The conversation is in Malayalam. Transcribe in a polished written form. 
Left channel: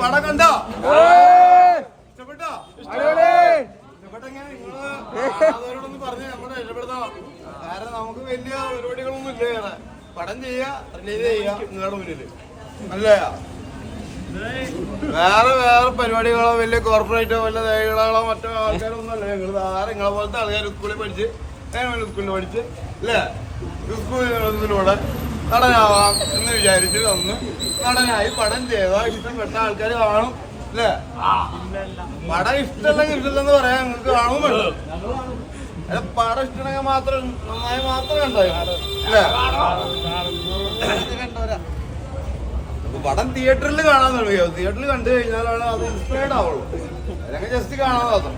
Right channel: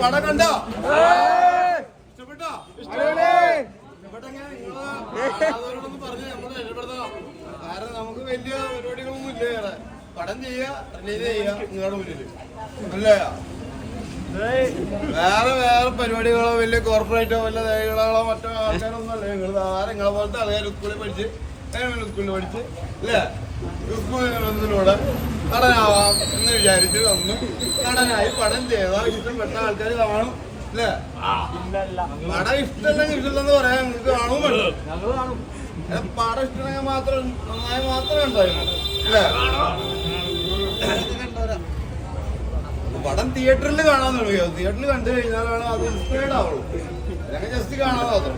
പടം കണ്ടോ? ഇഷ്ടപ്പെട്ടോ? ഇഷ്ടപ്പെട്ടെങ്കിൽ പറഞ്ഞ് നമ്മളെ ഇഷ്ടപ്പെടുത്തണം. കാരണം നമുക്ക് വലിയ പരിപാടികളൊന്നും ഇല്ല. വേറെ പടം ചെയ്യുക, റിലീസ് ചെയ്യുക നിങ്ങളുടെ മുന്നിൽ അല്ലേ. വേറെ പരിപാടികളോ വലിയ കോർപ്പറേറ്റോ വല്ല തേകളോ മറ്റോ ആൾക്കാരൊന്നും അല്ല. നിങ്ങൾ വേറെ നിങ്ങളെ പോലത്തെ ആൾക്കാർ സ്കൂളിൽ പഠിച്ച് സ്കൂളിൽ പഠിച്ച് അല്ലേ സ്കൂളിലൂടെ നടനാവാം എന്ന് വിചാരിച്ച് വന്ന് നടനായി പടം ചെയ്താൽ ഇഷ്ടപ്പെട്ട ആൾക്കാർ കാണും അല്ലേ. പടം ഇഷ്ടമല്ലെങ്കിൽ ഇഷ്ടമില്ലെന്ന് പറയാൻ നിങ്ങൾക്ക് കാണും വേണ്ടോ? പടം ഇഷ്ടമെങ്കിൽ മാത്രം നന്നായി മാത്രമേ ഉണ്ടായി അല്ലേ. പടം തിയേറ്ററിൽ കാണാൻ തുടങ്ങിയോ? തിയേറ്ററിൽ കണ്ടു കഴിഞ്ഞാലാണ് അത് ഇൻസ്പയർഡ് ആവുള്ളൂ. അല്ലെങ്കിൽ ജസ്റ്റ് കാണാൻ മാത്രം.